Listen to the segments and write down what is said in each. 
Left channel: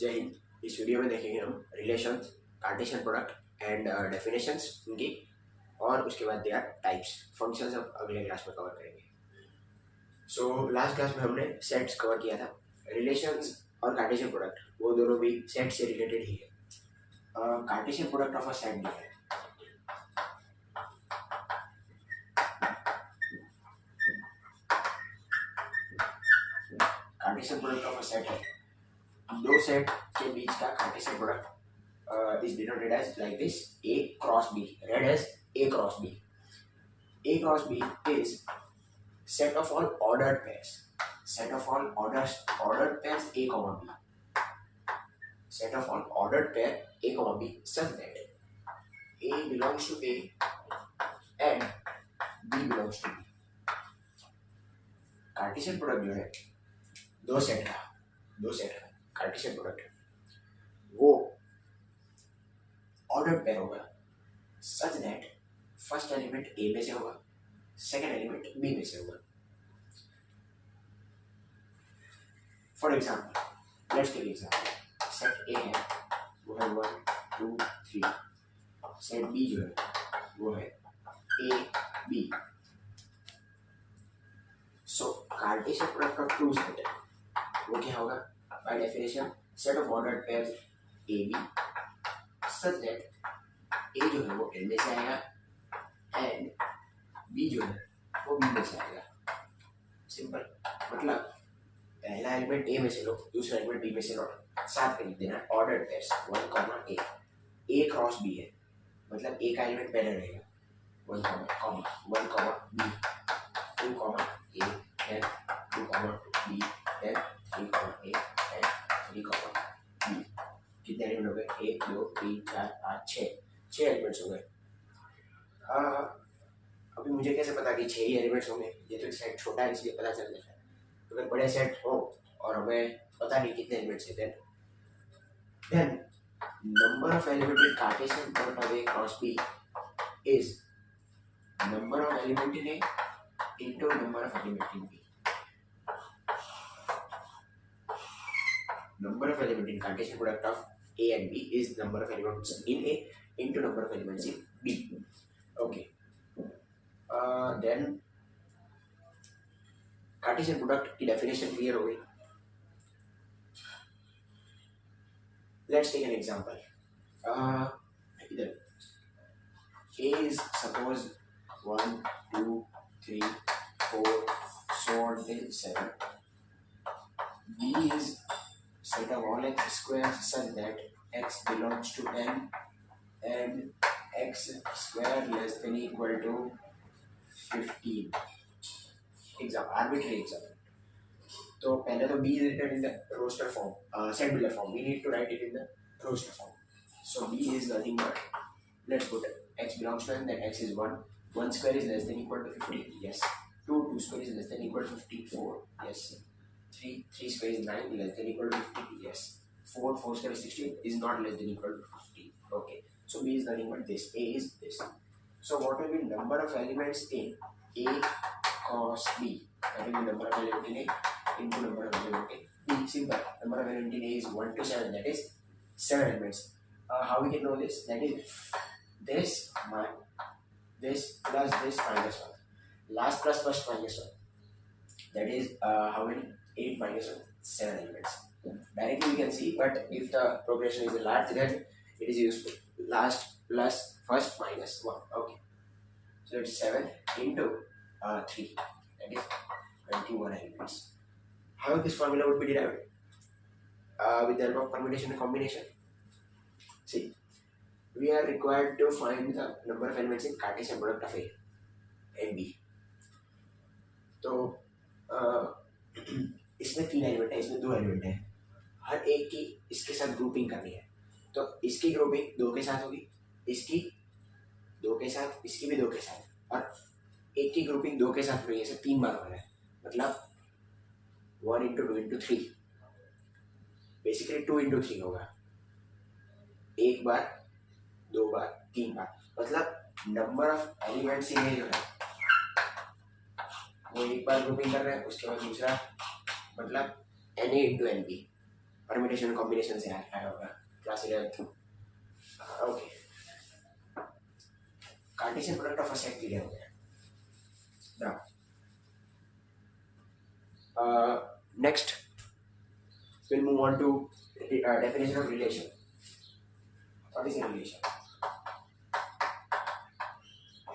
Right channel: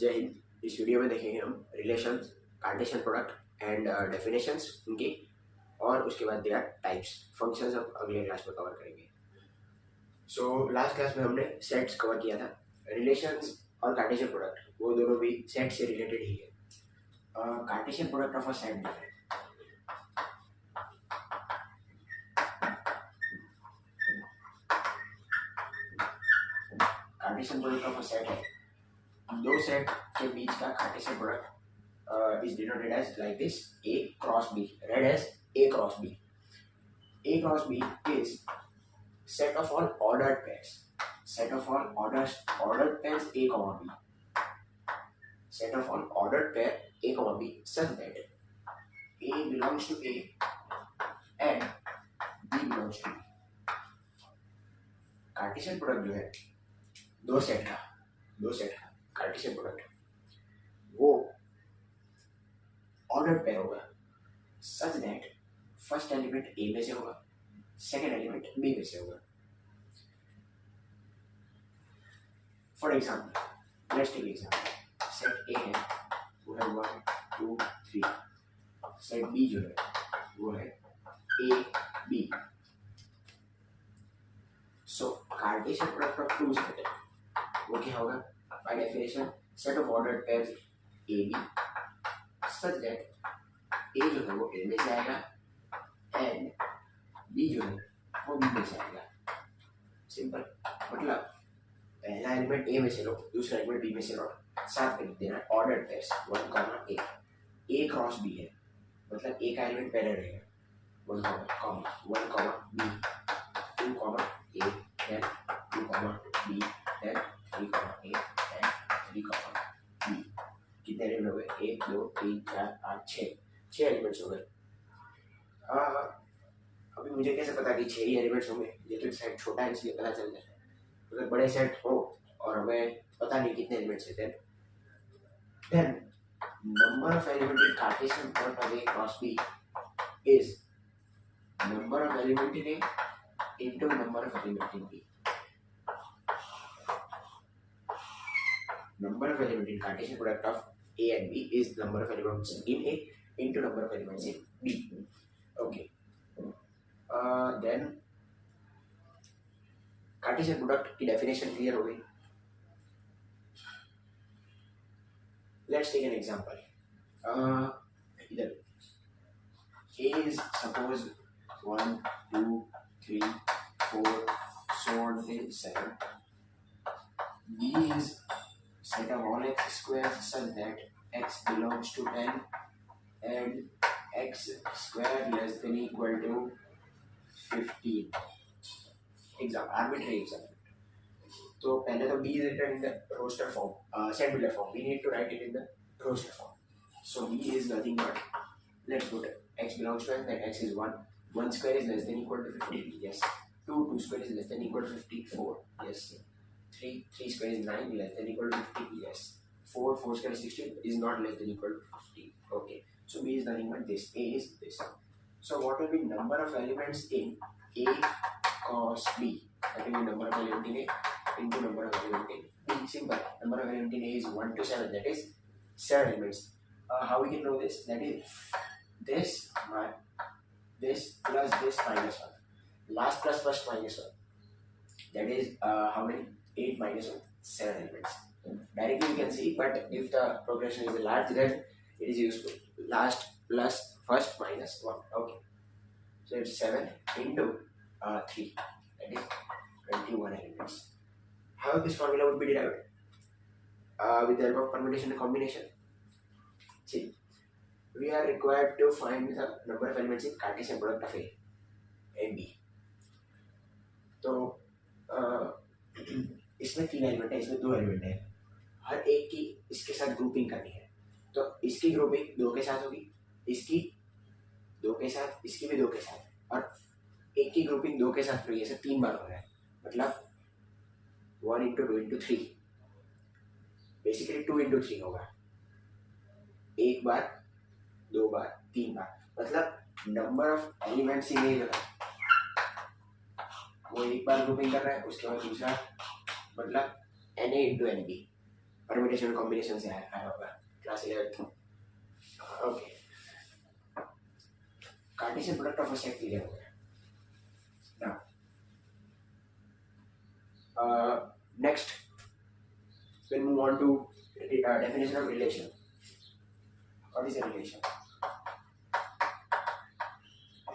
जय हिंद। इस वीडियो में देखेंगे हम relations, Cartesian product and definitions उनकी, और उसके बाद देयर टाइप्स, फंक्शंस हम अगले क्लास में कवर करेंगे। सो लास्ट क्लास में हमने सेट्स कवर किया था। रिलेशंस और कार्टेशियन प्रोडक्ट वो दोनों भी सेट से रिलेटेड ही है। Cartesian product of a set है, Cartesian product of a set है दो सेट के बीच का Cartesian product is denoted as like this: A cross B, read as A cross B. A cross B is set of all ordered pairs. Set of all ordered pairs A comma B. Set of all ordered pair A comma B such that A belongs to A and B belongs to B. Cartesian product जो है दो set का Cartesian product वो ordered pair होगा such that first element A में से होगा, second element B में से होगा। For example let's take example, set A है वो है 1 2 3, सेट बी जो है वो है A B. So Cartesian product of two set वो क्या होगा? By definition set of ordered pairs A B such that A जो है वो ए में से आएगा एंड बी जो है वो बी में से आएगा। सिंपल, मतलब पहला एलिमेंट ए में से लो, दूसरा एलिमेंट बी में से लो, साथ में लिख देना ordered pairs 1 comma A cross B है, मतलब ए का एलिमेंट पहले रहेगा 1 comma B, 2 comma A then 2 comma B then 3 comma A then 3 comma B. कितने एलिमेंट हो गए? 1 2 3 4 5 6 एलिमेंट्स हो गए। अभी मुझे कैसे पता कि 6 ही एलिमेंट्स होंगे? ये तो सेट छोटा है इसलिए पता चल जाता है। अगर बड़े सेट हो और हमें पता नहीं कितने एलिमेंट्स है, then number of element in Cartesian product of A cross B is number of element in A into number of element in B. Number of element in Cartesian product of A and B is number of elements in A into number of elements in B. Okay. Then Cartesian product की definition clear हो गई। Let's take an example. इधर A is suppose 1 2 3 4 so on till 7. B is set of all x squares such that x belongs to 10 and x square less than equal to 15. Arbitrary example. तो पहले तो b is written in the roster form, set builder form. We need to write it in the roster form. So b is nothing but, let's put x belongs to n, then x is 1. 1 square is less than equal to 15. Yes. 2 square is less than equal to 54. Yes. 3 square is 9 less than equal to 15. Yes. 4 square is 16 is not less than equal to 15. Okay. So b is nothing but this. A is this. So what will be number of elements in A cos B? That will be number of elements in A into number of elements in B. Simple. Number of elements in A is 1 to 7. That is 7 elements. How we can know this? That is this plus this minus 1. Last plus first minus 1. That is how many? 8 minus 1, 7 elements. Directly we can see, but if the progression is large, then it is useful. Last plus first minus 1. Okay. So it's 7 into 3. That is 21 elements. How this formula would be derived? With the help of permutation and combination. See, we are required to find the number of elements in Cartesian product of A and B. तो इसमें 3 element है, इसमें 2 element है, हर एक की इसके साथ grouping करनी है। तो इसकी ग्रुपिंग 2 के साथ होगी, इसकी 2 के साथ, इसकी भी 2 के साथ, और एक की ग्रुपिंग 2 के साथ हो रही है। ऐसे 3 बार हो रहा है, मतलब 1 into 2 into 3, बेसिकली 2 into 3 होगा। 1 बार 2 बार 3 बार, मतलब नंबर ऑफ एलिमेंट्स इन ए जो है वो एक बार ग्रुपिंग कर रहा है, उसके बाद दूसरा, मतलब N A into N B. Permutation combination से आया होगा class 11th। Okay, Cartesian product of a set clear हो गया। Next we'll move on to definition of relation. What is a relation?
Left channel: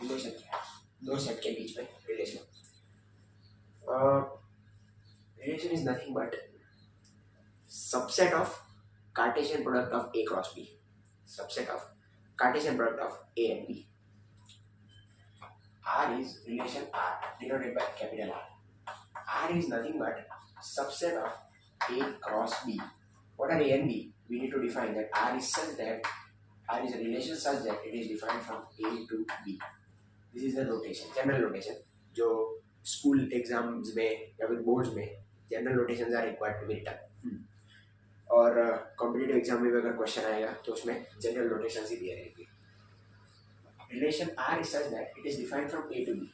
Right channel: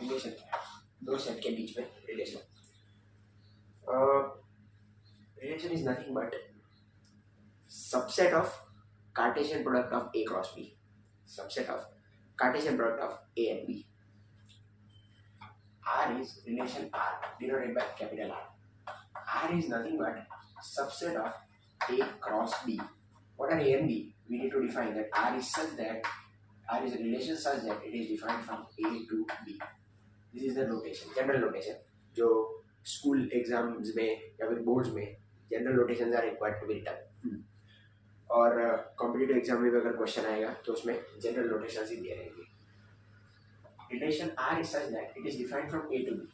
Relation क्या है? दो सेट के बीच में relation. Relation is nothing but subset of Cartesian product of A cross B. Subset of Cartesian product of A and B. R is relation R denoted by capital R. R is nothing but subset of A cross B. What are A and B? We need to define that R is such that R is a relation such that it is defined from A to B. This is the notation, general notation. जो school exams में या फिर boards में general notations are required to be written, और competitive exam में भी अगर question आएगा तो उसमें जनरल नोटेशंस ही दिए रहेंगे. Relation R is such that it is defined from A to B.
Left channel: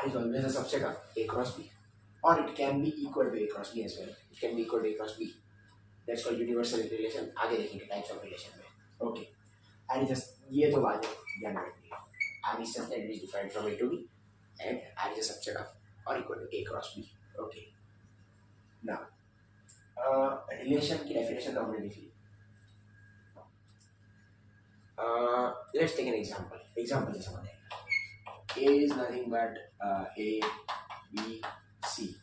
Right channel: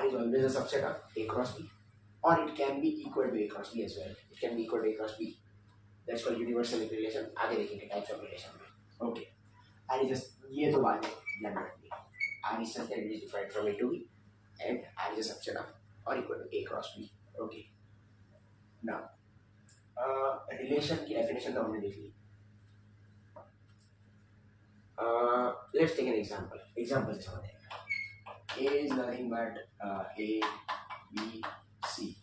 R is always a subset of A cross B. Or it can be equal to A cross B as well. It can be equal to A cross B. That's called universal relation. आगे देखेंगे types of relation में. Okay. R is just ये तो बाद में ध्यान रखिए. R is such that it is defined from A to B, and R is a subset of or equal to A cross B. Okay. Now, relation की definition तो हमने देख ली. Let's take an example. Example से समझ आएगा. A is nothing but A, B, C.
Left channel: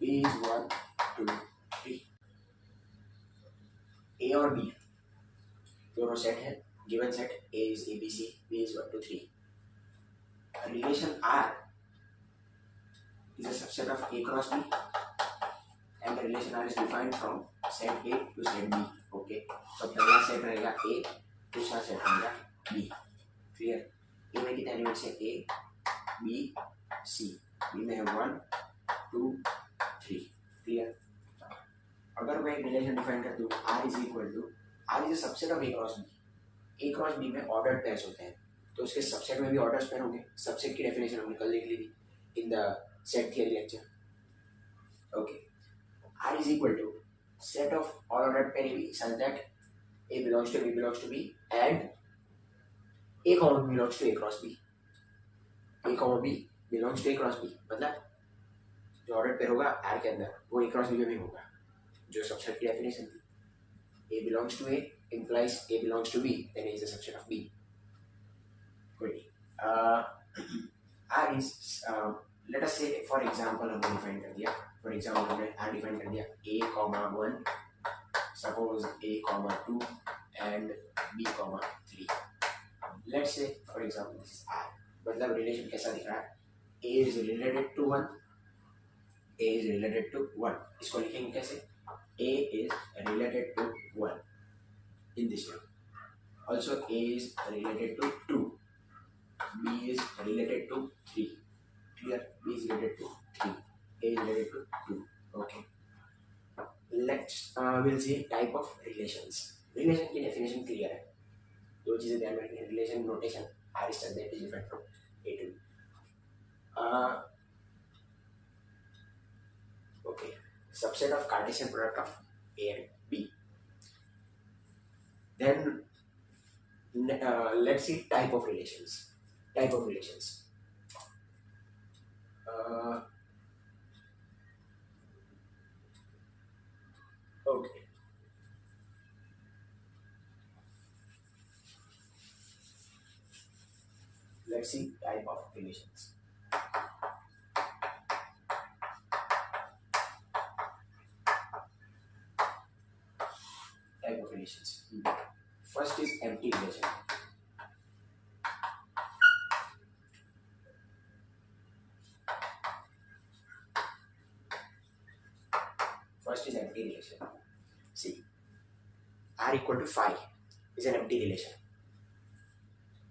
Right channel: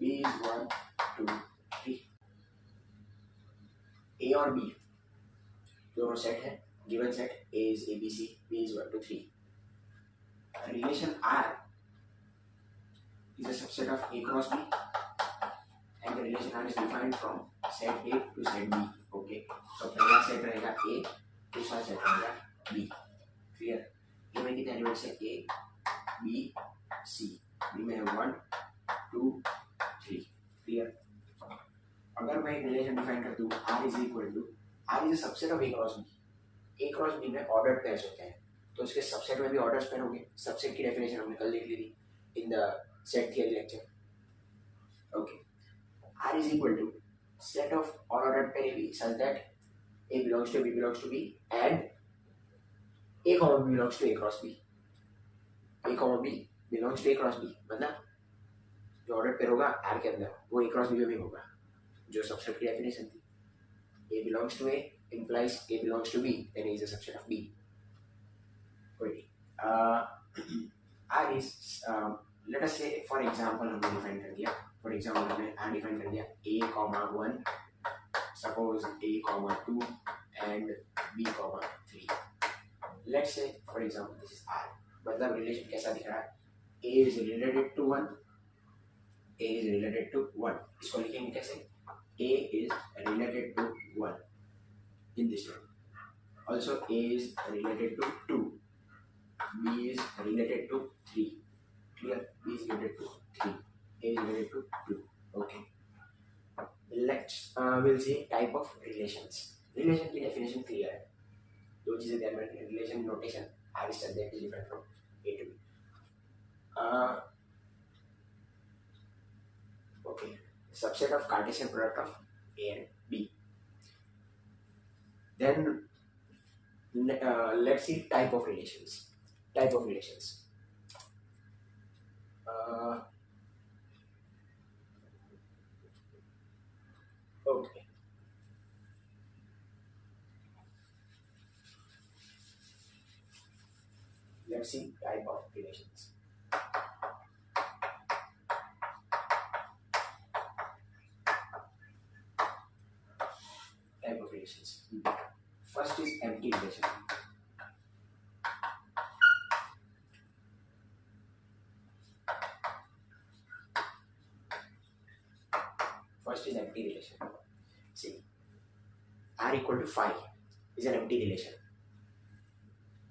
B is 1, 2, 3. A और B दोनों set है. Given set A is ABC, B is 1, 2, 3. Relation R is a subset of A cross B, and the relation R is defined from set A to set B. Okay. तो पहला set रहेगा A, दूसरा set रहेगा B. Clear? A में कितने elements है? A, B, C. B में है 1, 2, 3. क्लियर? अगर मैं रिलेशन डिफाइन कर दूं R is equal to, R is a subset of A cross B. A cross B में ऑर्डर्ड पेयर्स होते हैं, तो उसके सबसेट में भी ऑर्डर्स पेयर होंगे. सबसेट की डेफिनेशन हमने कल देख ली थी in the set theory lecture. Okay. R is equal to set of all ordered pair AB such that A belongs to B belongs to B and A comma B belongs to A cross B. A comma B belongs to A cross B मतलब जो ordered pair होगा R के अंदर वो A cross B में भी होगा. जो सबसेट की डेफिनेशन थी, A belongs to A implies A belongs to B, then A is a subset of B. Good. R is let us say for example हमने डिफाइन कर दिया, for example हमने R डिफाइन कर दिया A comma 1, suppose A comma 2 and B comma 3. Let's say for example this is R. मतलब relation कैसा दिख रहा है? A is related to 1, A is related to 1. इसको लिखेंगे कैसे? A is related to 1 in this way. Also A is related to 2. B is related to 3. Clear? B is related to 3. A is related to 2. Okay. Let's we'll see type of relations. Relation की definition clear है. दो चीजें ध्यान में रखनी है. Relation notation R is such that is different from A to B. Okay. Subset of Cartesian product of A and B. Then let's see type of relations. Type of relations. Okay. Let's see type of relations. Type of relations. First is empty relation. First is empty relation. See, R equal to phi is an empty relation.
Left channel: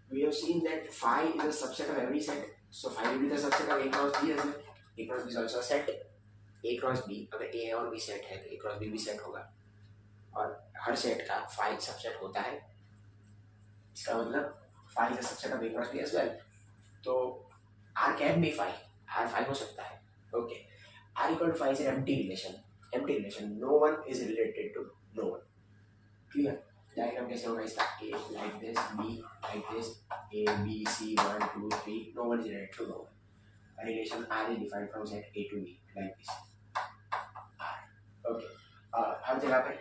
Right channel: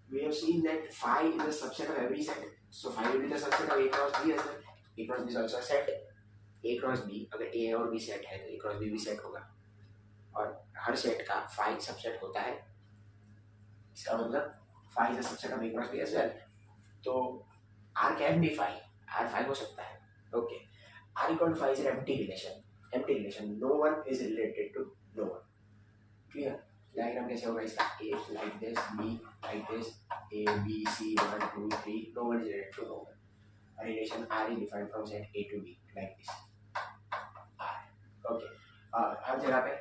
We have seen that phi is a subset of every set, so phi will be the subset of A cross B as well. A cross B is also a set. A cross B, अगर A और B set है तो A cross B भी set होगा, और हर set का phi subset होता है. इसका मतलब phi is a subset of A cross B as well. तो R can be phi, R phi हो सकता है. Okay. R equal to 5 is an empty relation. Empty relation. No one is related to no one. Clear? Diagram कैसे होगा इसका? A like this, B like this, A, B, C, 1, 2, 3. No one is related to no one. A relation R is defined from set A to B like this. R. Okay. हर जगह पे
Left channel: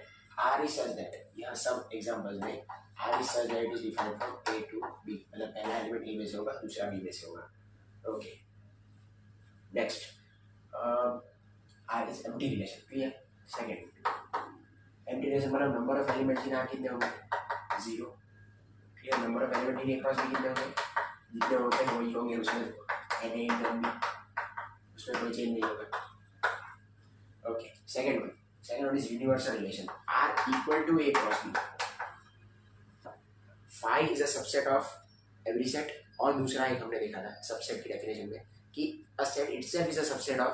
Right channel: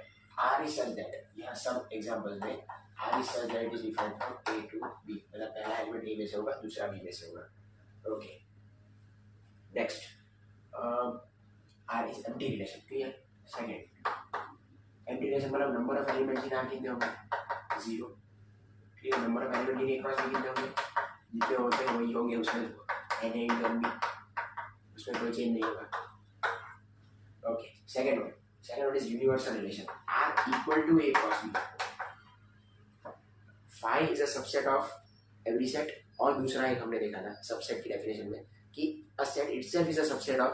R is such that यहाँ सब examples में R is such that it is defined from A to B. मतलब पहला element A में से होगा, दूसरा B में से होगा. Okay. Next. R is empty relation. Clear? Second. Empty relation मतलब number of elements in R कितने होंगे? 0. Clear? Number of elements in A cross B कितने होंगे? जितने होते हैं वही होंगे उसमें N A कम भी उसमें कोई चेंज नहीं होगा. Okay. Second one is universal relation. R equal to A cross B. Phi is a subset of every set. और दूसरा एक हमने देखा था सबसेट की डेफिनेशन में कि a set itself is a subset of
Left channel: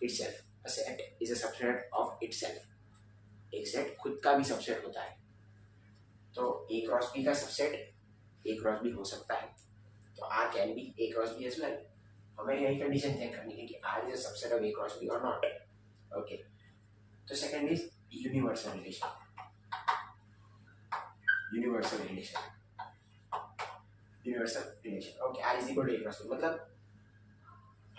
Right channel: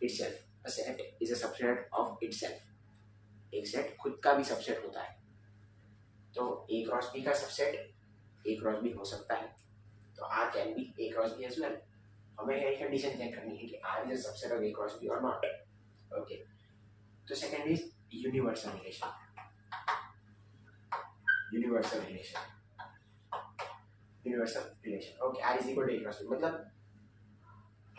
itself. A set is a subset of itself. एक सेट खुद का भी सबसेट होता है. तो A क्रॉस B का सबसेट A क्रॉस B हो सकता है. तो R can be A cross B as well. हमें यही कंडीशन चेक करनी है कि R is a subset of A cross B or not. Okay. तो second is universal relation. Universal relation. Okay. R is equal to A cross B मतलब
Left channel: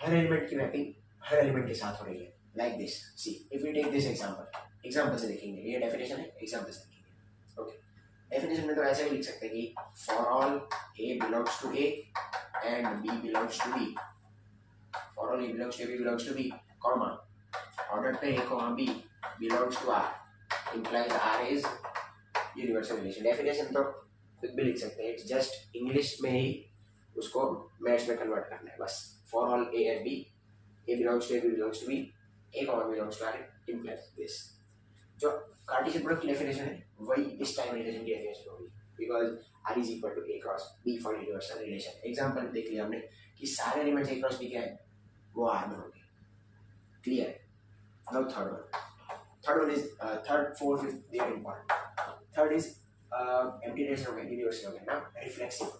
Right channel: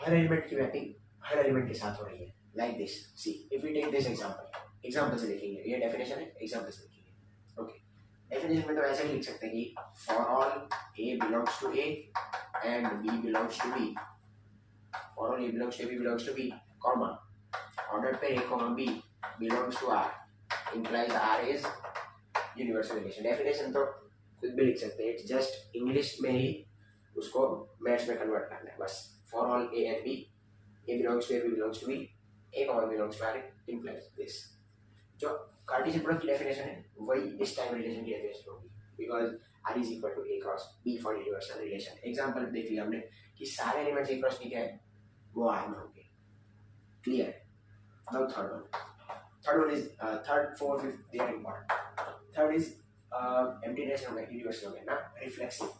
हर element की mapping हर एलिमेंट के साथ हो रही है. Like this. See if you take this example से देखेंगे. ये डेफिनेशन है, एग्जांपल से देखेंगे. ओके. डेफिनेशन में तो ऐसे ही लिख सकते हैं कि for all A belongs to A and B belongs to B. For all A belongs to A, B belongs to B, comma order पे A, B belongs to R implies R is universal relation. Definition तो खुद भी लिख सकते हैं. It's just English में ही उसको maths में कन्वर्ट करना है बस. For all A and B, A belongs to A, B belongs to B, A, belongs to R implies this. जो कार्टेशियन प्रोडक्ट की डेफिनेशन है वही इस टाइम रिलेशन की डेफिनेशन होगी because R is equal to A cross B for universal relation. Example देख लिया हमने कि सारे एलिमेंट्स A cross B क्या है वो R में होंगे. Clear? Now third one. Third one is third, fourth, fifth. They are important. Third is empty relation हो गया, universal हो गया ना. Reflexive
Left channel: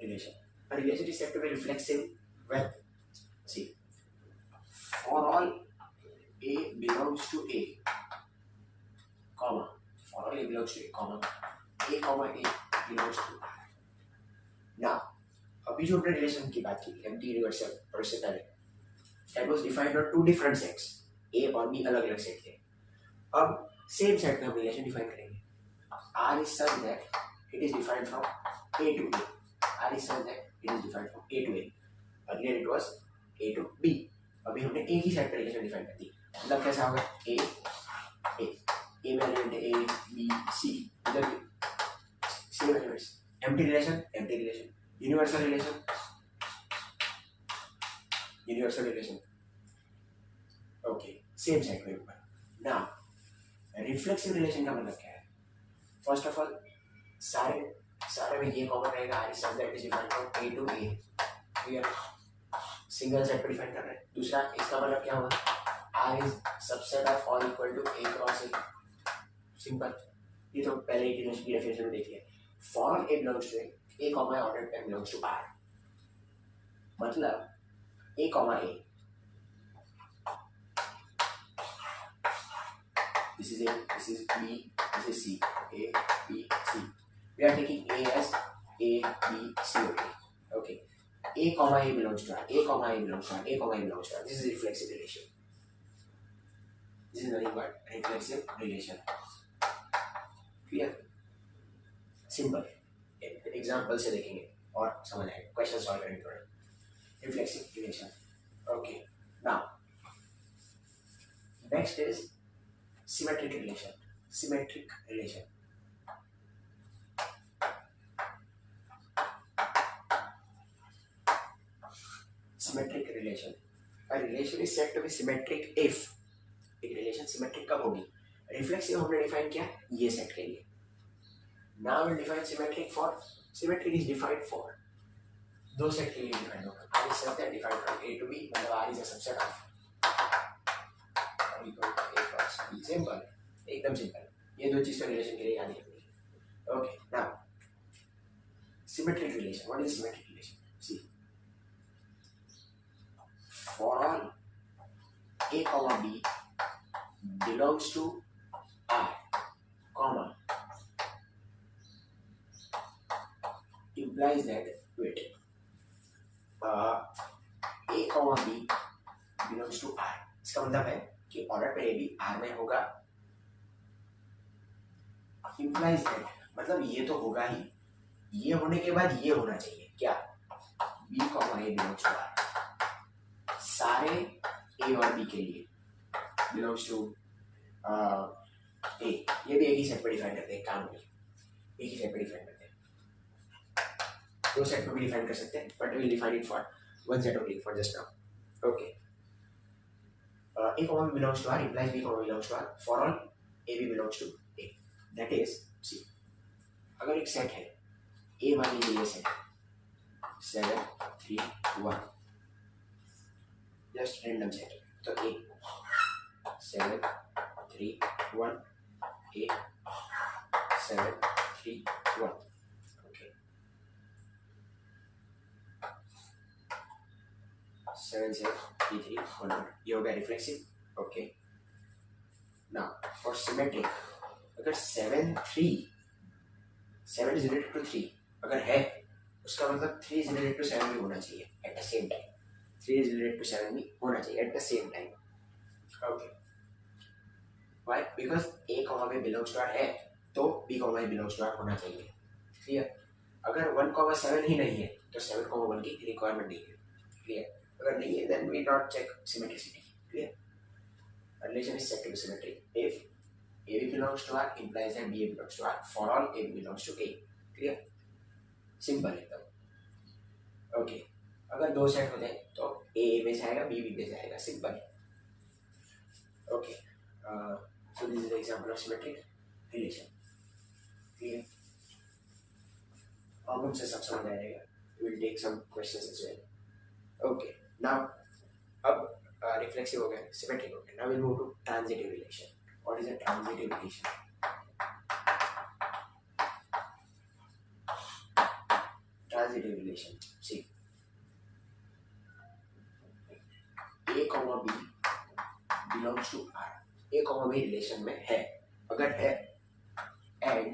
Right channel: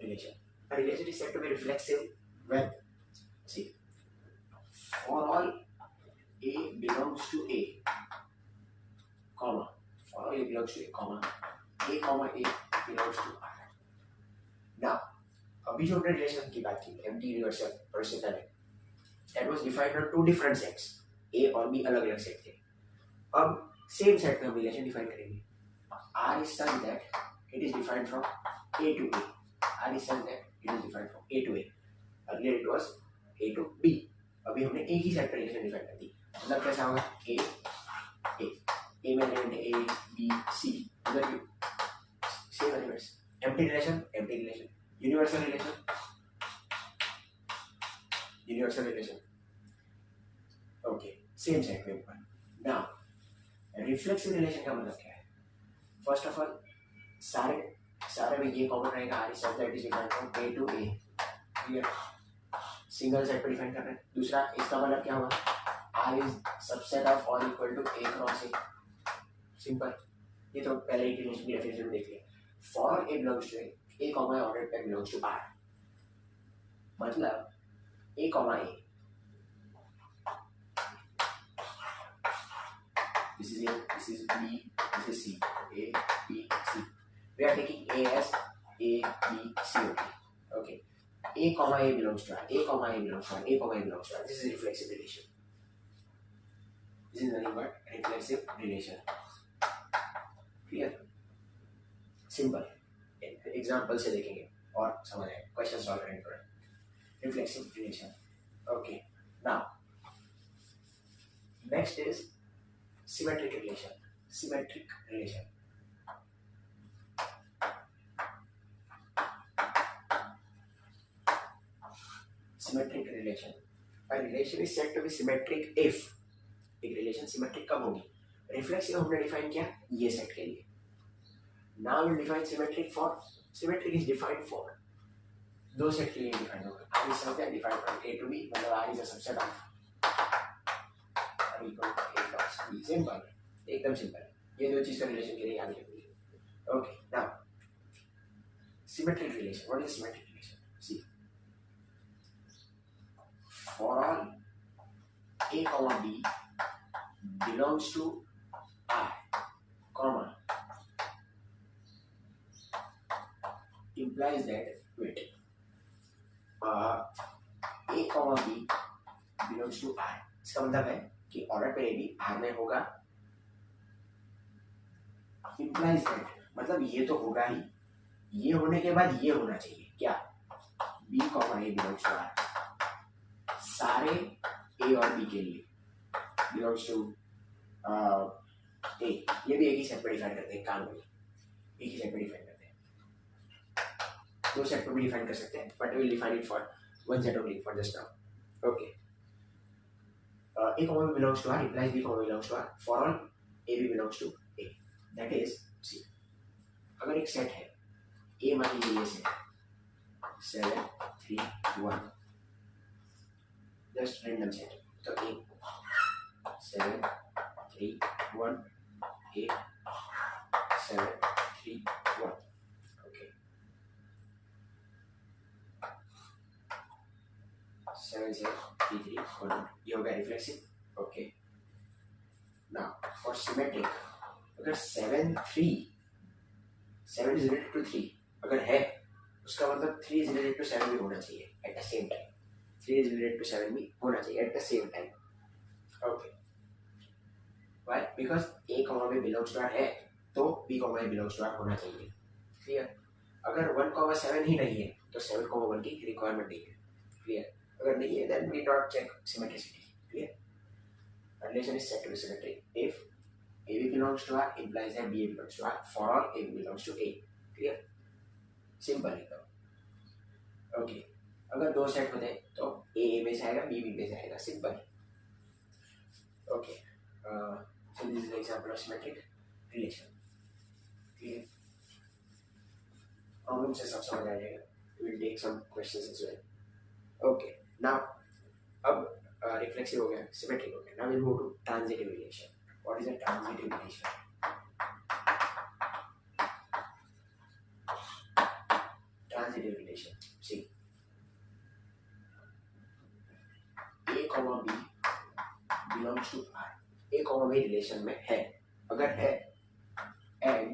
relation. A relation is said to be reflexive when, see, for all A belongs to A, comma, for all A belongs to A, comma, A belongs to R. Now, अभी जो हमने relation की बात की empty universal और उससे पहले that was defined on two different sets. A और बी अलग अलग सेट थे. अब सेम सेट में हम रिलेशन डिफाइन करेंगे. R is such that it is defined from A to A. R is such that it is defined from A to A. Earlier it was A to B. अभी हमने एक ही set पर relation define कर दी. मतलब कैसा होगा? A में element A, B, C. मतलब same elements. Empty relation. Universal relation. Okay. Same set में ऊपर. Now, reflexive relation का मतलब क्या है? First of all, सारे में ये कॉमन रहेगा. R is such that it is defined from A to A. Clear? Single set पर डिफाइन कर रहे हैं. दूसरा इसका मतलब क्या हुआ? R is subset of all equal to A cross A. Simple. ये तो पहले ही रिलेशन की डेफिनेशन में देख लिया. For all A belongs to A, A comma ordered pair belongs to R. मतलब A comma A. This is A, this is B, this is C. A, B, C. We are taking A as A, B, C. Okay. A comma A belongs to R. A comma A belongs to R. A comma A belongs to R. This is reflexive relation. This is nothing but reflexive relation. Clear? Simple. Example से देखेंगे और समझ आएगा. Question solve करने पर. Reflexive relation. Okay. Now next is symmetric relation. A relation is said to be symmetric if एक relation symmetric कब होगी? रिफ्लेक्सिव हमने डिफाइन किया ये सेट के लिए. Now we'll define symmetric for. Symmetric is defined for दो सेट के लिए डिफाइन होगा. R is such that defined from A to B मतलब R is a subset of R equal to A cross B. Simple, एकदम simple. ये दो चीज तो रिलेशन के लिए याद रखनी है. Okay. Now symmetric relation. What is a symmetric relation? See, for all a comma b belongs to R, comma, implies that, wait, a comma b belongs to R, इसका मतलब है कि ऑर्डर पर ए बी आर में होगा, implies that मतलब ये तो होगा ही, ये होने के बाद ये होना चाहिए क्या, b comma a belongs to R, सारे a और b के लिए belongs to a, ये भी एक ही सेट पे डिफाइन करते हैं, काम नहीं, एक ही सेट पे डिफाइन करते हैं, दो सेट पे भी डिफाइन कर सकते हैं, but will define it for one set only for just now. Okay, a comma b belongs to R implies b comma belongs to R for all a b belongs to a. That is, see, अगर एक set है a मान लीजिए ये set 7 3 1, just random set, तो a 7 3 1 a 7 3 1. Okay, 7 0 3 3 1 1, ये हो गया reflexive. Okay, now for symmetric, अगर 7 3 7 इज रिलेटेड टू 3 अगर है, उसका मतलब 3 इज रिलेटेड टू 7 भी होना चाहिए at the same time, 3 is related to 7 भी होना चाहिए at the same time. Okay, why? Because a comma b belongs to R है, तो b comma a belongs to R होना चाहिए. क्लियर? अगर 1 कॉमा 7 ही नहीं है तो 7 कॉमा 1 की रिक्वायरमेंट नहीं है. क्लियर? अगर नहीं है देन वी डॉट check symmetricity. Clear? Relation is set to be symmetric if a b belongs to R implies that b a belongs to R for all a b belongs to a. Clear? Simple एकदम. Okay, अगर दो set होते हैं तो a में से आएगा, b में से आएगा, simple. Okay, so this is the example of symmetric relation. Clear? Problem से सब समझ आ जाएगा. We will take some questions as well. Okay, now अब reflexive हो गया, symmetric हो गया. Now we'll move to transitive relation. What is a transitive relation? Transitive relation. See, a comma b belongs to R. a comma b relation में है, अगर है, and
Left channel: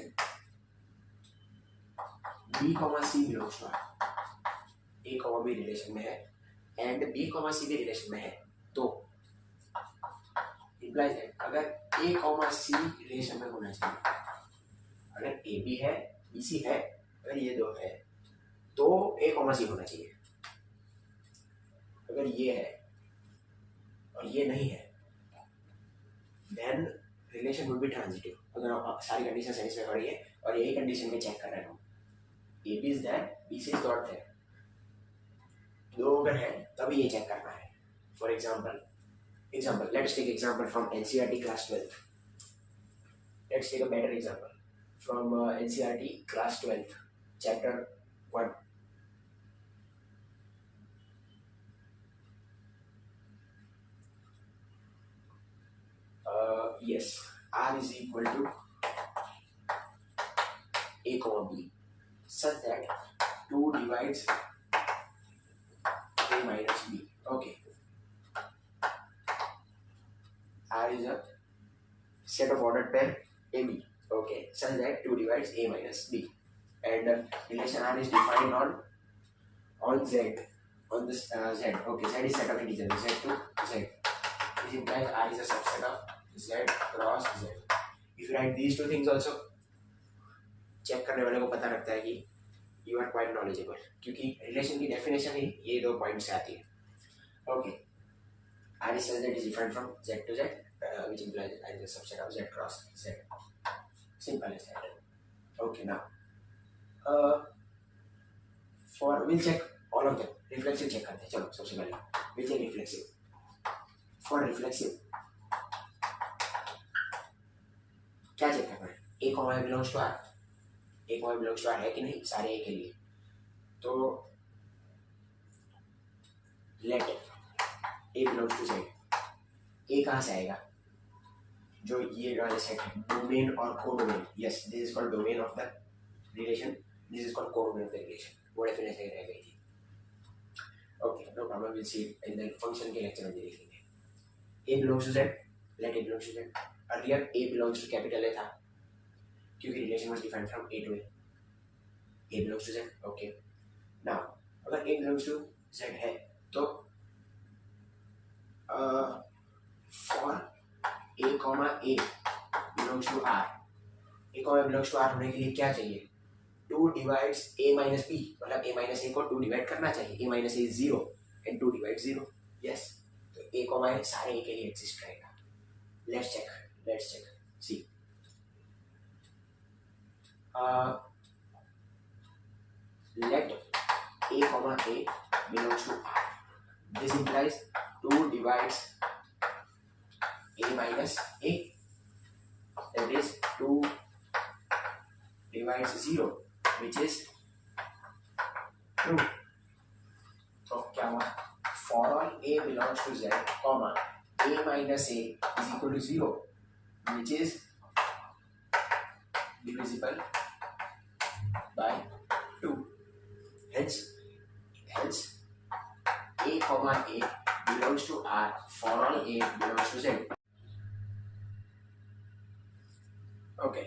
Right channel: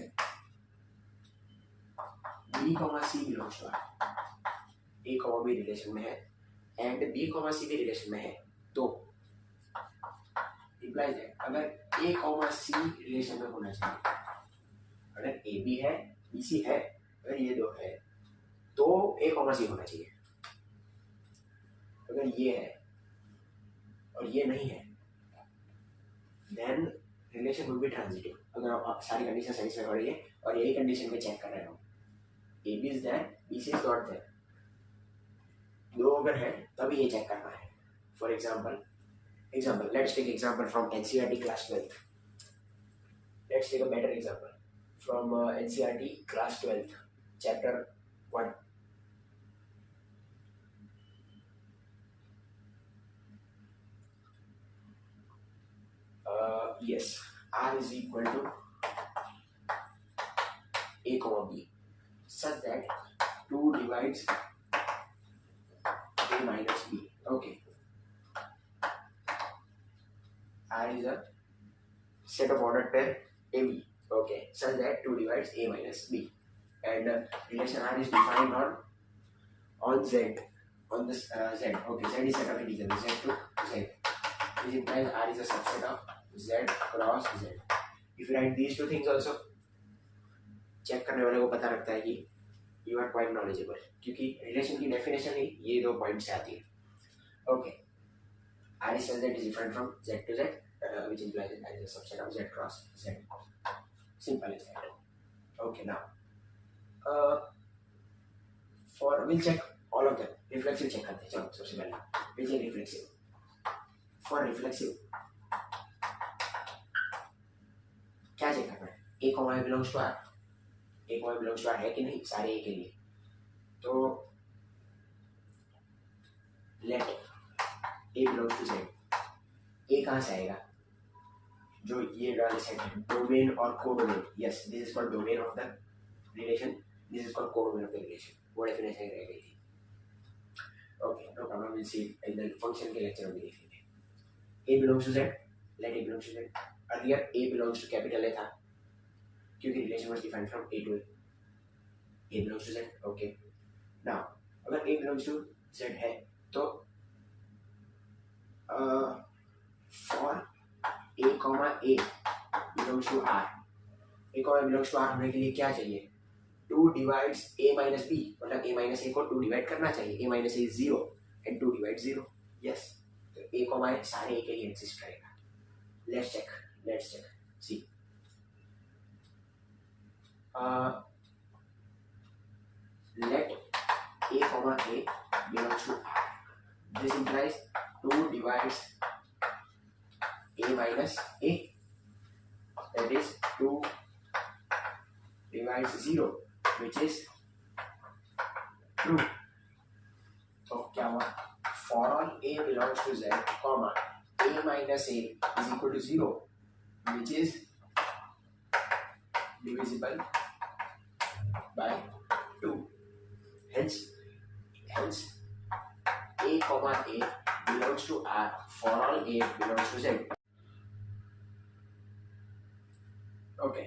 b comma c belongs to R. a comma b relation में है and b comma c भी relation में है, तो implies that अगर a comma c रिलेशन में होना चाहिए, अगर a b है b c है, अगर ये दो है तो a comma c होना चाहिए. अगर ये है और ये नहीं है then relation would be transitive. अगर सारी कंडीशन सेटिस्फाई हो रही है और यही कंडीशन में चेक कर रहे हो, A B is there, B C is not there, दो अगर है तभी ये चेक करना है. For example let's take example from NCERT class 12th. Let's take a better example from NCERT class 12th chapter 1. Yes, R is equal to a comma b such that 2 divides a minus b. Okay, R is a set of ordered pair AB. Okay, such that 2 divides a minus b, and relation R is defined on Z, on this Z. Okay, Z is set of integers Z to Z. This implies R is a subset of Z cross Z. If you write these two things also, check करने वाले को पता लगता है कि you are quite knowledgeable, क्योंकि relation की definition ही ये दो पॉइंट से आती है. Okay, R is such that is different from Z to Z, which implies that R is a subset of Z cross Z. Simple as that. Okay, now for we'll check all of them. Reflexive check करते हैं. चलो सबसे पहले we'll check reflexive. For reflexive क्या check करना है? a comma b belongs to R. a comma b belongs to R है कि नहीं सारे a के लिए, तो let a belongs to Z. a कहाँ से आएगा? जो ये वाले सेट है, डोमेन और codomain. Yes, this is called domain of the relation. This is called codomain of the relation, वो डेफिनेशन रह गई थी। Okay, no problem, will see in the function के लेक्चर में देख लेंगे। a belongs to z, let a belongs to z। earlier a belongs to capital A था क्योंकि relation was defined from a to a belongs to z। Okay, now अगर a belongs to z है तो for a comma a belongs to r, a comma belongs to r होने के लिए क्या चाहिए? 2 divides a minus b, मतलब a minus a को 2 डिवाइड करना चाहिए। a minus a is 0 and 2 divides 0, yes, तो a comma a सारे a के लिए एग्जिस्ट करेगा। Let's check see, let a comma a belongs to r, this implies 2 divides a minus a, that is 2 divides 0, which is true। तो क्या हुआ? For all a belongs to z, comma a minus a is equal to 0, which is divisible by 2। Hence a comma a belongs to r for all a belongs to z। Okay,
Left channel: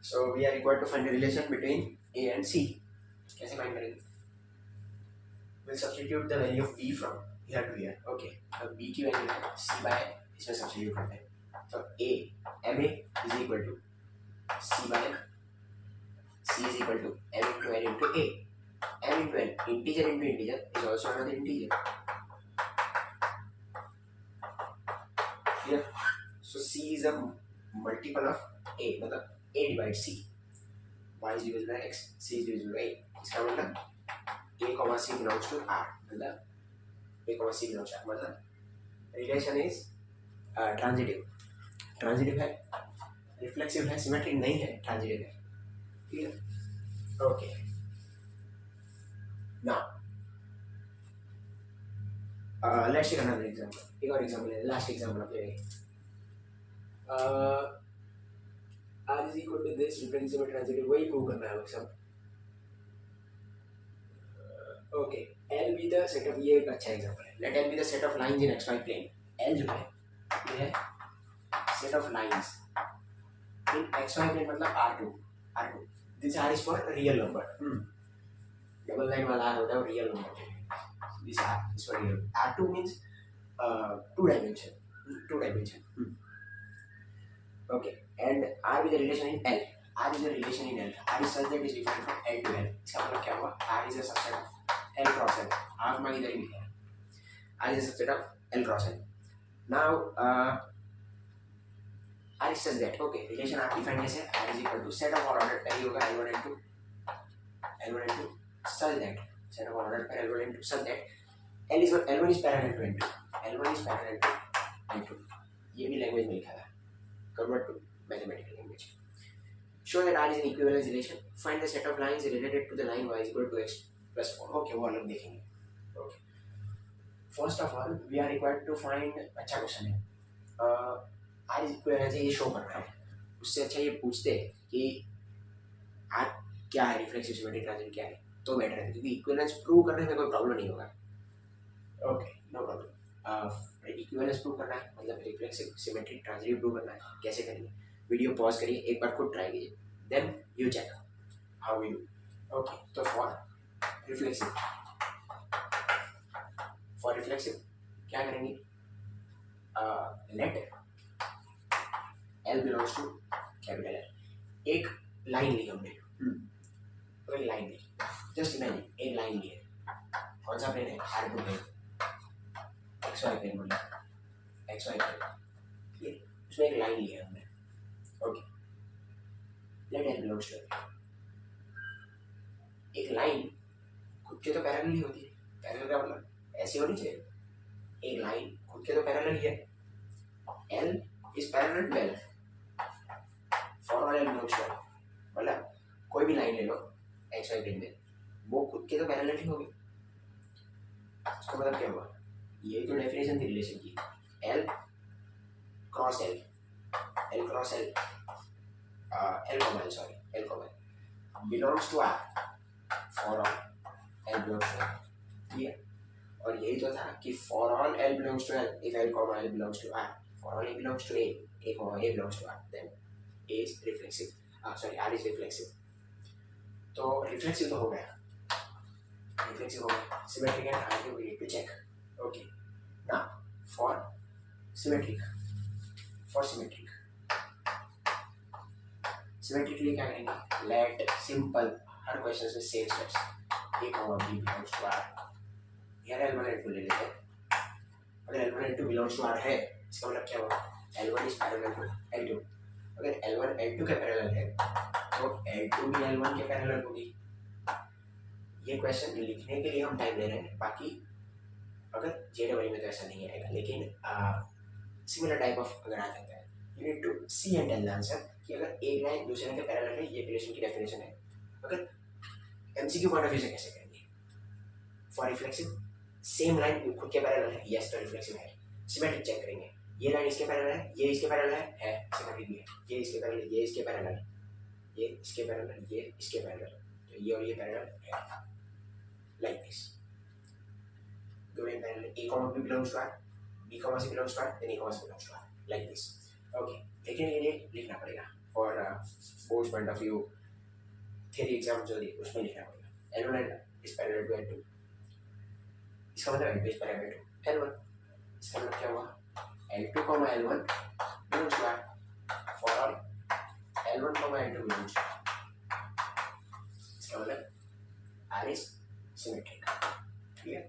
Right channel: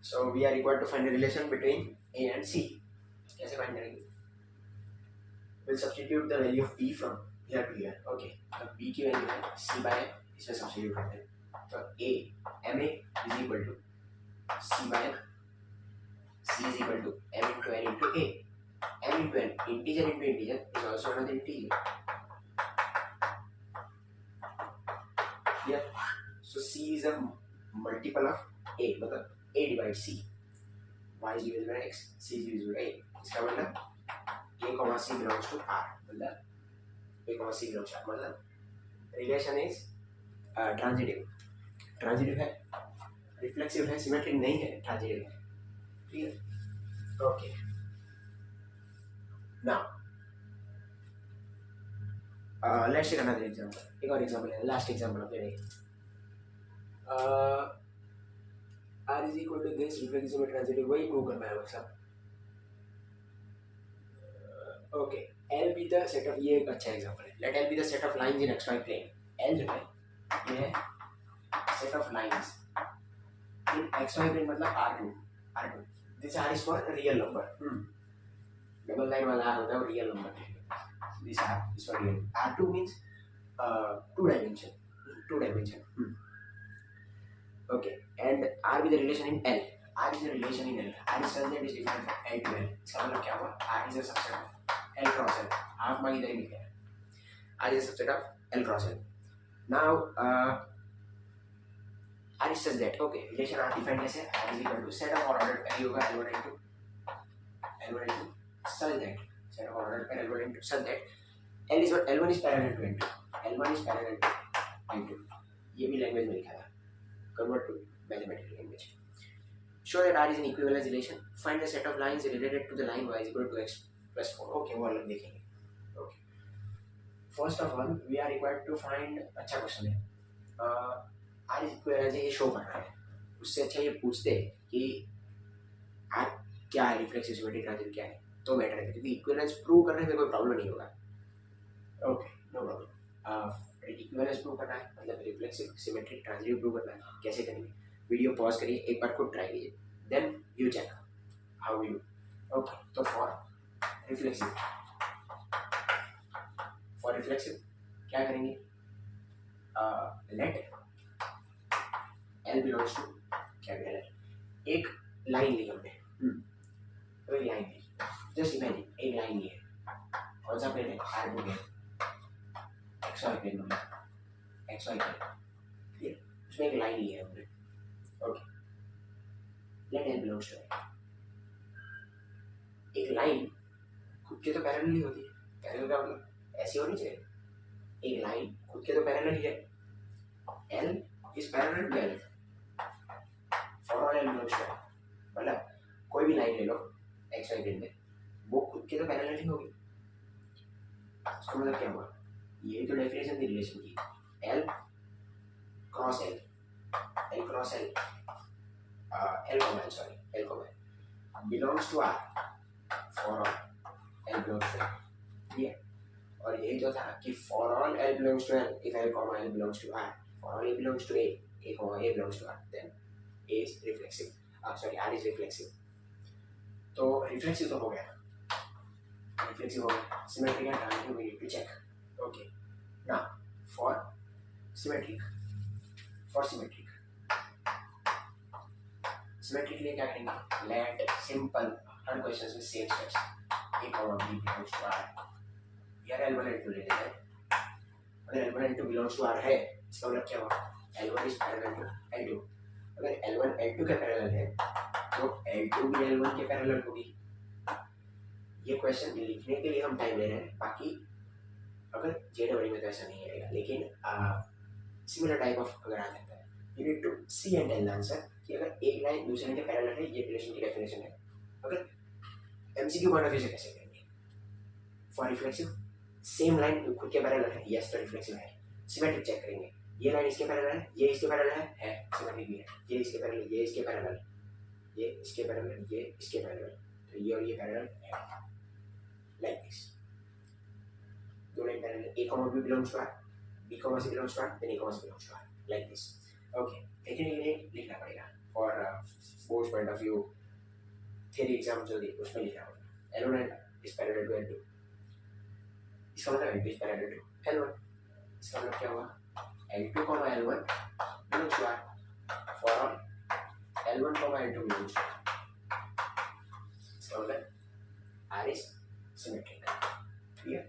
so we are required to find the relation between a and c। कैसे find करेंगे? We'll substitute the value of b from here to here। Okay, अब b की value है c by n, इसमें substitute करते हैं। तो a ma is equal to c by n, c is equal to m into n into a, m into n, integer into integer is also another integer। Clear? So c is a multiple of a, मतलब a divides c, y is divisible by x, c is divisible by a। इसका मतलब a comma c belongs to r, मतलब a comma c belongs to r, मतलब relation is transitive है, reflexive है, symmetric नहीं है, transitive है। Clear? Okay, now let's take another example. एक और एग्जांपल है, लास्ट एग्जांपल ऑफ ये r is equal to this, reflexive और ट्रांजिटिव, वही प्रूव करना है बस अब। Okay, L be the set of, ये एक अच्छा एग्जांपल है। Let L be the set of lines in xy plane। L जो है ये है set of lines in xy plane, मतलब R2। This R is for real number। Double line वाला R होता है real number. This R is for real। R2 means 2 dimension। Okay, and R with the relation in L। R is a relation in L। R is such that is defined from L to L। इसका मतलब क्या हुआ? R is a subset of L cross L। Half mark इधर ही मिल गया। R is a subset of L cross L। Now R is such that, okay, relation R defined कैसे? R is equal to set of ordered पहले होगा L1 into such that, set of ordered पर L1 into such that L1 is parallel to L2, L1 is parallel to L2। ये भी language में लिखा था, convert to mathematical language। Show that R is an equivalence relation। Find the set of lines related to the line y is equal to x plus 4। Okay, वो अलग देखेंगे। Okay, first of all we are required to find, अच्छा question है, R is equivalence है, ये show करना है। उससे अच्छा ये पूछते कि R क्या है, रिफ्लेक्सिव सिमेट्रिक ट्रांजिटिव क्या है, तो बेटर है, क्योंकि इक्विवेलेंस प्रूव करने में कोई प्रॉब्लम नहीं होगा। Okay, no problem. Equivalence prove करना है मतलब रिफ्लेक्सिव सिमेट्रिक ट्रांजिटिव प्रूव करना है। कैसे करेंगे? वीडियो पॉज करिए, एक बार खुद ट्राई कीजिए, then you check how you. Okay, तो फॉर रिफ्लेक्सिव क्या करेंगे? Let L belongs to capital L। एक लाइन ली हमने, तो एक लाइन ली, जस्ट इमेजिन एक लाइन ली है। कौन सा प्लेन है? R2 प्लेन, XY प्लेन, मतलब XY प्लेन, उसमें एक लाइन ली है हमने। Okay, let L belongs to L। एक लाइन खुद के तो पैरेलल ही होती है। पैरेलल का मतलब ऐसे होनी चाहिए, एक लाइन खुद के तो पैरेलल ही है। L is parallel to L for all L belongs to L, मतलब कोई भी लाइन ले लो XY प्लेन में, वो खुद के तो पैरेलल ही होगी। उसका मतलब क्या हुआ? यही तो डेफिनेशन थी रिलेशन की, L cross L, L cross L, L comma L, sorry L comma L belongs to R। For all L belongs to L, ठीक है। और यही तो था कि for all L belongs to L, if L comma L belongs to R, for all A belongs to A comma A belongs to R, then A is reflexive, sorry R is reflexive. तो reflexive तो हो गया, reflexive हो गया, symmetric and transitive we need to check, okay. Now for symmetric, symmetric के लिए क्या करेंगे, लेट सिंपल, हर क्वेश्चन में same steps, A comma B belongs to R, यार L1 L2 ले लेते हैं। अगर L1 L2 belongs to R है, इसका मतलब क्या हुआ, L1 is parallel to L2। अगर L1 L2 के पैरेलल है तो L2 भी L1 के पैरेलल होगी। ये क्वेश्चन लिखने के लिए हम टाइम ले रहे हैं, बाकी अगर JEE में तो ऐसा नहीं आएगा, लेकिन सिमिलर टाइप ऑफ अगर आ जाता है, you need to see and tell the answer कि अगर एक लाइन दूसरे के पैरेलल है, ये रिलेशन की डेफिनेशन है। अगर MCQ पॉइंट ऑफ व्यू से कैसे करेंगे, फॉर रिफ्लेक्सिव सेम लाइन खुद के पैरेलल है, यस तो रिफ्लेक्सिव है। सिमेट्रिक चेक करेंगे, ये लाइन इसके पैरेलल है, ये इसके पैरेलल है सिमेट्रिक भी है, ये इसके पैरेलल, ये इसके पैरेलल, ये इसके पैरेलल, ये इसके पैरेलल, तो ये और ये पैरेलल है, लाइक दिस। दो line parallel, A comma B belongs to R, B comma C belongs to R, then A comma C belongs to R, like this, okay. लेकिन ये लिखना पड़ेगा for board point of view, theory exam जो दी उसमें लिखना पड़ेगा, L1 is parallel to L2, इसका मतलब L2 is parallel to L1, इसका मतलब क्या हुआ, L2 comma L1 belongs to R, for all L1 comma L2 belongs to R, इसका मतलब R इज सिमेट्रिक, ठीक है।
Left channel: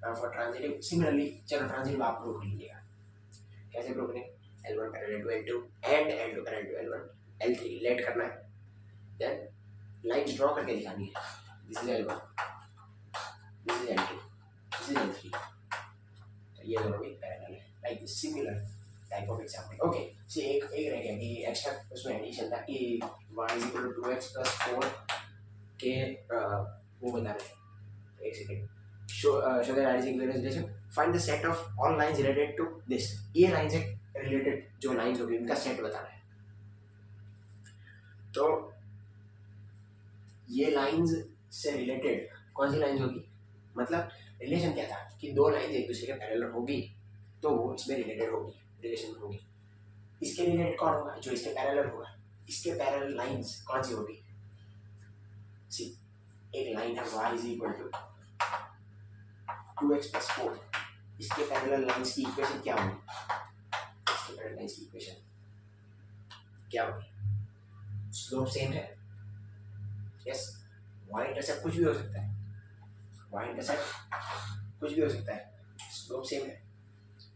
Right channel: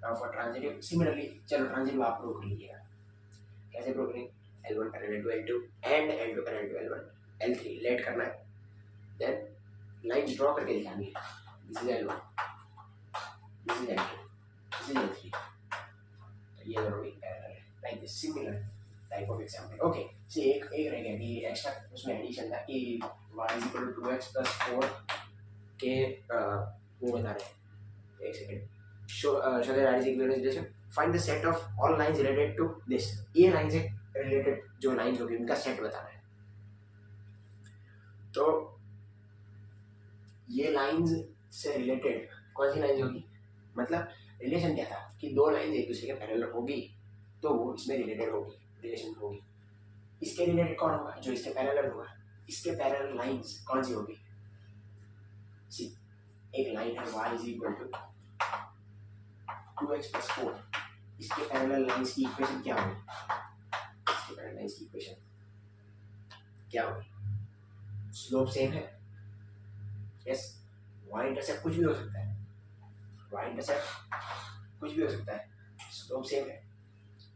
नाउ फॉर ट्रांजिटिव, सिमिलरली चलो ट्रांजिटिव आप प्रूव कर लीजिएगा, कैसे प्रूव करेंगे, L1 parallel to L2 and L2 parallel to L1, L3 let करना है, देन लाइंस ड्रॉ करके दिखानी है, this is L1, this is L2, this is L3, तो ये दोनों भी पैरेलल है, like this, similar type of example, okay. C एक रह गया कि एक्स्ट्रा उसमें एडिशन था कि y = 2x + 4 के वो बता रहे हैं, एक second, show that r is equal to relation, find the set of all lines related to this, ये लाइन से रिलेटेड जो लाइंस होगी उनका सेट बताना है। तो ये लाइंस से रिलेटेड कौन सी लाइंस होगी, मतलब रिलेशन क्या था कि दो लाइंस एक दूसरे के पैरेलल होगी तो वो इसमें रिलेटेड होगी, रिलेशन में होगी। इसके रिलेटेड कौन होगा, जो इसके पैरेलल होगा, इसके पैरेलल लाइंस कौन सी होगी, सी एक लाइन है y = 2x + 4, इसके पैरेलल लाइंस की इक्वेशन क्या होगी, इसके पैरेलल लाइंस की इक्वेशन क्या होगी, स्लोप सेम है, यस, y इंटरसेप्ट कुछ भी हो सकता है, y इंटरसेप्ट कुछ भी हो सकता है, स्लोप सेम है,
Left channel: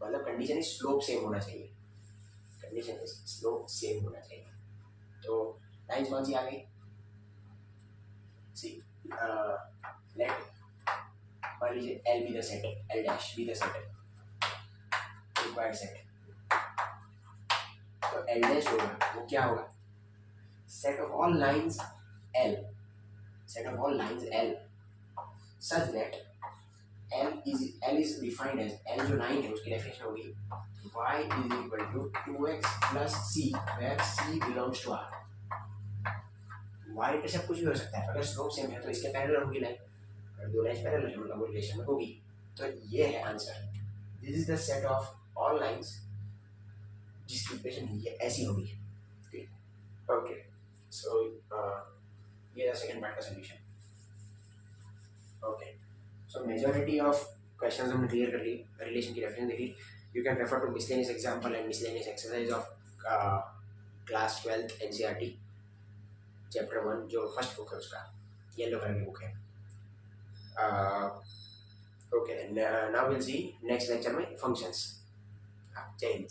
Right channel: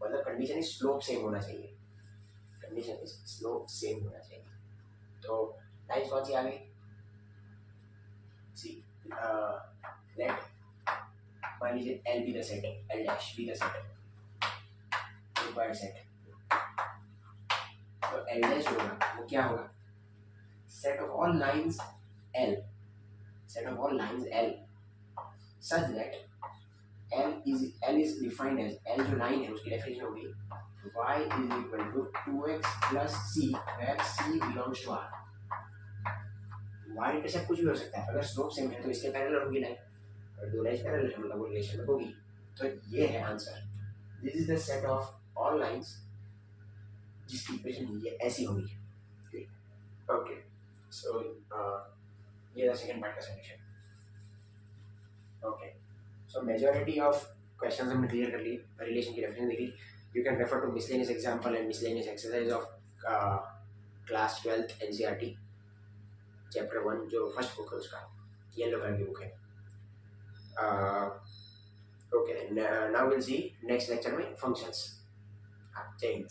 मतलब कंडीशन इज स्लोप सेम होना चाहिए, कंडीशन इज स्लोप सेम होना चाहिए। तो लाइंस कौन सी आ गई, सी लेट मान लीजिए L be the set, L dash be the set, required set, तो L डैश होगा वो क्या होगा, set of all lines L, set of all lines L such that L is defined as, L जो line है उसकी definition होगी y = 2x + c where c belongs to R। y intercept कुछ भी हो सकता है, अगर स्लोप सेम है तो इसके पैरेलल होगी लाइन, अगर दो लाइंस पैरेलल है मतलब वो रिलेशन में होगी, तो ये है answer, this is the set of all lines जिसकी इक्वेशन ये ऐसी होगी, ओके। सो ये है सेकंड पार्ट का solution, okay. So majority of questions हमने क्लियर कर लिए, रिलेशन की डेफिनेशन देखी, you can refer to miscellaneous example and miscellaneous exercise of class 12th NCERT chapter 1 जो फर्स्ट बुक है उसका, येलो कलर की बुक है, okay. Now will see next lecture में फंक्शंस। जय हिंद।